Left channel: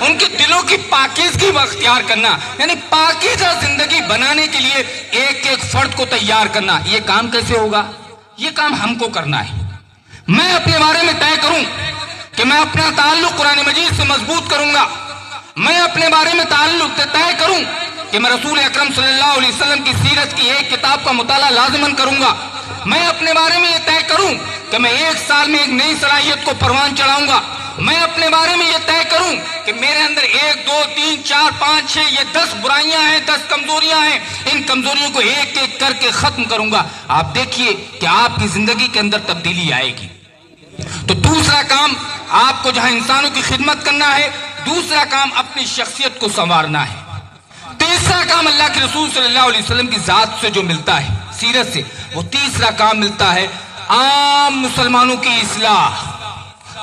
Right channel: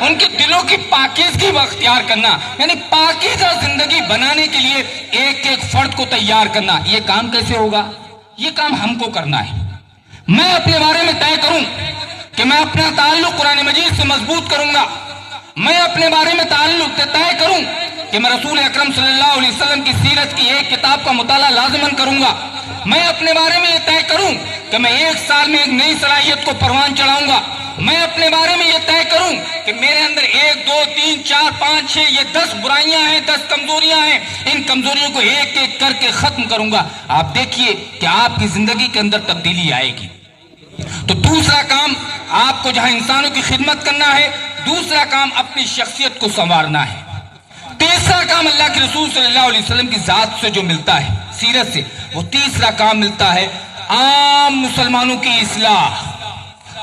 ان کے دلوں کی پاکیزگی کو اختیار کرنا، یعنی پاکیزہ زندگی بنانے کے لیے ایک ایک فرد کو تیار کرنا. یہ کام کیسے ہوگا؟ یہ کام ہم کو کرنا ہے. میں اپنے بارے میں طے کروں کہ میں اپنا تعلق قرآن مجید سے مضبوط کروں گا. میں اپنے بارے میں طے کروں کہ میں رسول اکرم صلی اللہ علیہ وسلم کی سیرت کی ایک کتاب کا مطالعہ لازماً کروں گا. میں اپنے بارے میں یہ طے کروں کہ میں 1 سال میں ایک نئی صلاحیت کو پروان چڑھاؤں گا. میں اپنے بارے میں یہ طے کروں کہ میرے اندر 1 2 3 4 5 6 یہ 10 برائیاں ہیں، 10 کمزوریاں ہیں، ان کمزوریوں کو ایک ایک کر کے ختم کروں گا. آپ دیکھیے کہ آپ کی زندگی کے اندر تبدیلی آئے گی. تو دوسرا کام آپ کو جہاں انسانوں کی خدمت کرنا ہے، دوسرا کام اپنی شخصیت کو سنوارنا ہے. تیسرا کام اللہ کے رسول صلی اللہ علیہ وسلم کی ذات سے جو ملتا ہے، سیرت سے، وہ تیسرا کام ملتا ہے عام مسلمانوں کی اصلاح.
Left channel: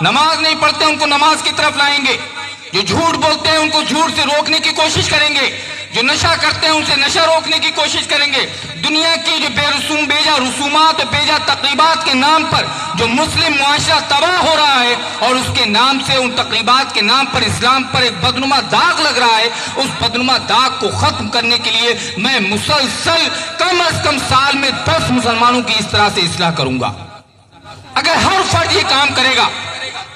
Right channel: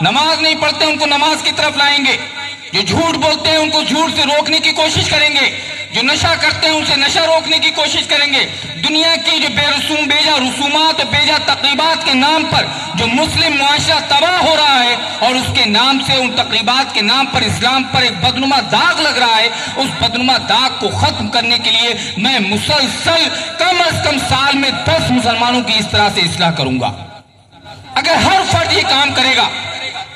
نماز نہیں پڑھتے ان کو نماز کی طرف لائیں گے، جو جھوٹ بولتے ہیں ان کو جھوٹ سے روکنے کی کوشش کریں گے، جو نشہ کرتے ہیں ان سے نشہ روکنے کی کوشش کریں گے. دنیا کی جو بیجا رسومات اور بیجا تقریبات کے نام پر جو مسلم معاشرہ تباہ ہو رہا ہے، اور اس کے نام سے، ان تقریبات کے نام پر اسلام پر ایک بدنما داغ لگ رہا ہے، اس بدنما داغ کو ختم کرنے کے لیے میں مسلسل کم از کم سال میں 10 مسلمانوں کی اس طرح سے اصلاح کروں گا. اگر ہر فرد یہ کام کرے گا،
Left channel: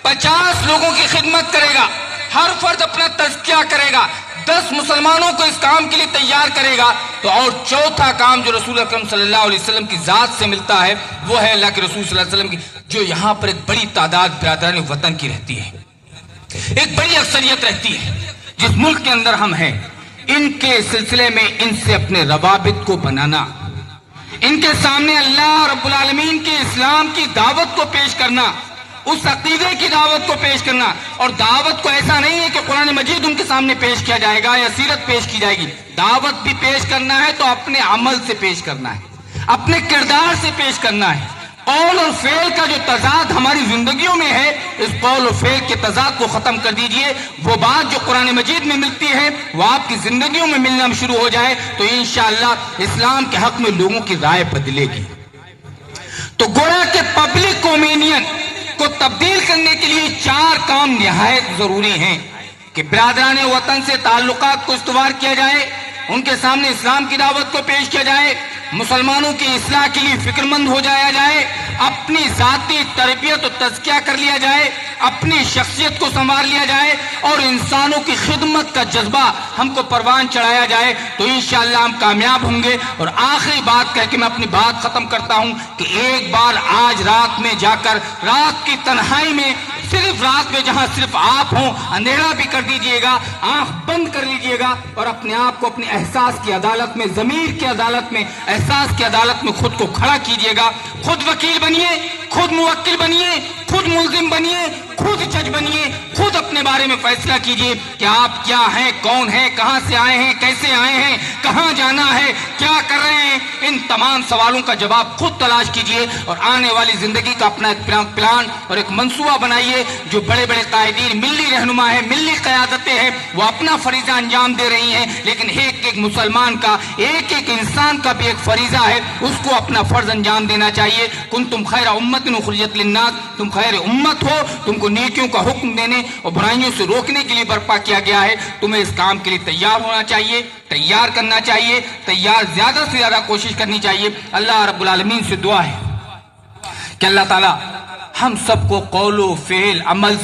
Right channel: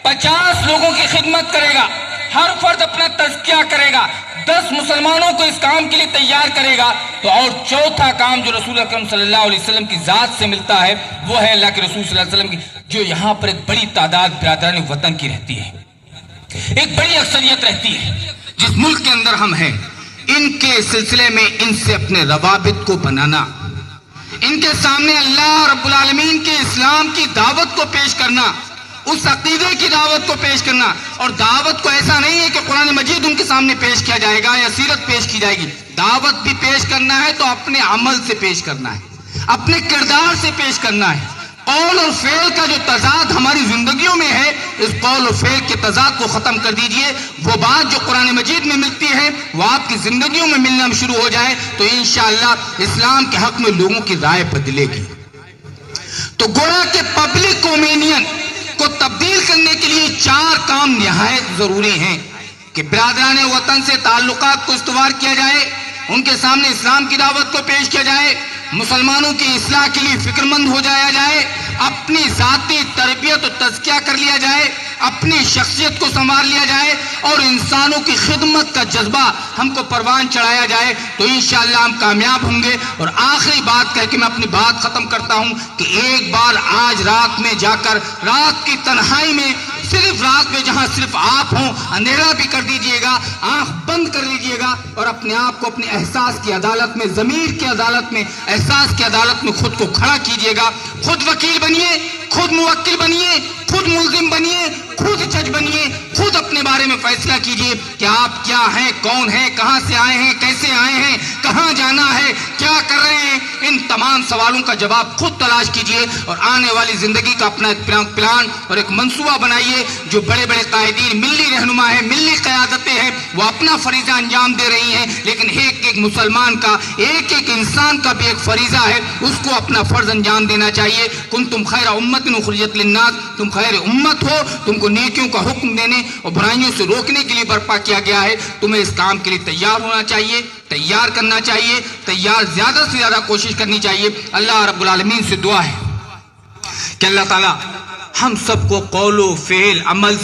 50 لوگوں کی خدمت کرے گا، ہر فرد اپنا تزکیہ کرے گا، 10 مسلمانوں کو اس کام کے لیے تیار کرے گا، تو اور چوتھا کام جو رسول اکرم صلی اللہ علیہ وسلم کی ذات سے ملتا ہے، وہ ہے اللہ کے رسول صلی اللہ علیہ وسلم کی جو یہاں پر ایک بڑی تعداد برادران وطن کی رہتی ہے، ایک بڑی اکثریت رہتی ہے جس ملک کے اندر ہم ہیں. ان کے سلسلے میں ان سے اپنے روابط کو بنانا، ان کے سامنے اللہ رب العالمین کے اسلام کی دعوت کو پیش کرنا، اس عقیدے کی دعوت کو پیش کرنا. اور دعوت کو ایسا نہیں ہے کہ قرآن مجید ان کے سامنے پیش کیا جائے گا یا سیرت پیش کی جائے گی. دعوت بھی پیش کرنا ہے تو اپنے عمل سے پیش کرنا ہے، اپنے کردار سے پیش کرنا ہے. قول اور فعل کا جو تضاد ہماری زندگیوں میں ہے، اس قول اور فعل کے تضاد کو ختم کر دیجئے. وہ بات جو قرآن مجید میں ملتی ہے وہ آپ کی زندگیوں میں ملنا شروع ہو جائے تو انشاءاللہ اسلام کے حق میں لوگوں کی رائے بدلے گی. تو گویا کہ پبلک اوپینین کو تبدیل کرنے کے لیے 4 کام نہایت ضروری ہیں کہ برادران وطن سے تعلقات کو استوار کیا جائے، ان کے سامنے اسلام کی دعوت کو پیش کیا جائے، مسلمانوں کی اصلاح کے لیے فکر مند ہو جایا جائے، اپنی ذاتی تربیت و تزکیہ کر لیا جائے، اپنی شخصیت کو سنوار لیا جائے، اور انسانوں کی خدمت کا جذبہ ہم کو پروان چڑھایا جائے تو انشاءاللہ ہم کامیاب ہوں گے. اور آخری بات کہہ کے میں اپنی بات ختم کرتا ہوں کہ ایک بار آج رات میں جا کر رات کی تنہائی میں، صرف رات میں جہاں صرف آپ ہوں، اندھیرا بھی کر دیجئے گا، آنکھ بند کر لیجئے گا، اور اپنے آپ کو اپنے احساس کی عدالت میں، ضمیر کی عدالت میں، احساس کی عدالت میں خود کو کھڑا کیجئے گا. خود وکیل بنیے، خود موکل بنیے، خود ملزم بنیے، خود جج بنیے، خود اپنے بارے میں فیصلہ کیجئے کہ آپ کیا ہیں، کون ہیں، کہاں سے آئے ہیں، کیسے آئے ہیں، کہاں جانا ہے، کیا کر رہے ہیں. ان تمام سوالوں کا جواب خود تلاش کیجئے اور آنے والی زندگی کا اپنا ایک پلان اور ایک منصوبہ بنائیے. جو بڑے بڑے قائدین، ملی رہنما ہیں، ملی قیادتیں ہیں، وہ اپنا فریضہ انجام دے رہی ہیں، لیکن ایک ایک مسلمان کا، ایک ایک انسان کا بھی ایک فریضہ ہے، اس کو اپنا فرض انجام دینا چاہیے. کنتم خیر امت اخرجت للناس، تم خیر امت ہو، تم کو نیکیوں کا حکم دینے اور برائیوں سے روکنے کے لیے برپا کیا گیا ہے. تمہیں اس کام کے لیے تیار ہونا چاہیے، تیار کرنا چاہیے، زیادہ سے زیادہ کوشش کرنی چاہیے. اللہ رب العالمین سے دعا ہے کہ اللہ تعالیٰ ہم سب کو قول و فعل عمل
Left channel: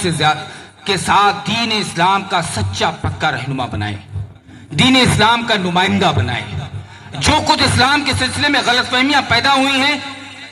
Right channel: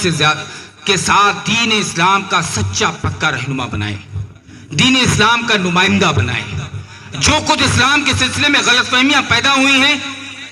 کے ساتھ دین اسلام کا سچا پکا رہنما بنائے، دین اسلام کا نمائندہ بنائے. جو کچھ اسلام کے سلسلے میں غلط فہمیاں پیدا ہوئی ہیں،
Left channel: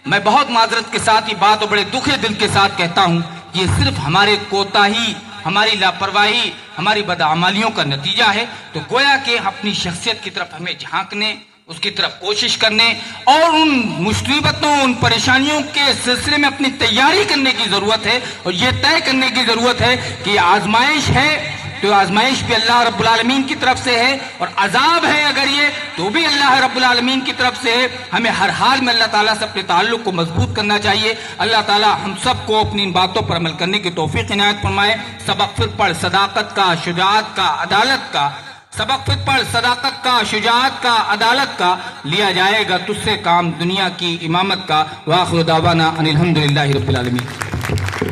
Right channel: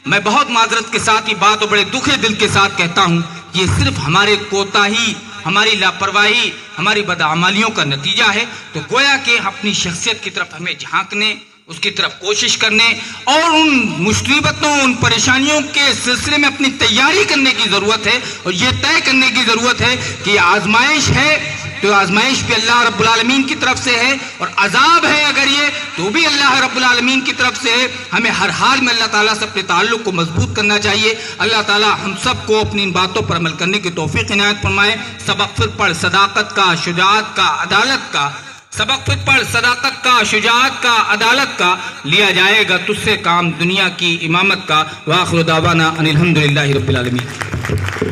میں بہت معذرت کے ساتھ یہ بات اور بڑے دکھے دل کے ساتھ کہتا ہوں، یہ صرف ہمارے کوتاہی، ہماری لاپرواہی، ہماری بدعمالیوں کا نتیجہ ہے. تو گویا کہ اپنی شخصیت کی طرف ہمیں جھانکنے، اس کی طرف کوشش کرنے اور ان مصیبتوں، ان پریشانیوں کے سلسلے میں اپنی تیاری کرنے کی ضرورت ہے. اور یہ طے کرنے کی ضرورت ہے کہ یہ آزمائش ہے تو آزمائش بھی اللہ رب العالمین کی طرف سے ہے، اور عذاب ہے اگر یہ تو بھی اللہ رب العالمین کی طرف سے ہے. ہمیں ہر حال میں اللہ تعالیٰ سے اپنے تعلق کو مضبوط کرنا چاہیے. اللہ تعالیٰ ہم سب کو اپنی ان باتوں پر عمل کرنے کی توفیق عنایت فرمائے. سبق پھر پڑھ صداقت کا، شجاعت کا، عدالت کا، سبق پھر پڑھ صداقت کا، شجاعت کا، عدالت کا، لیا جائے گا تجھ سے کام دنیا کی امامت کا. وآخر دعوانا ان الحمدللہ رب العالمین.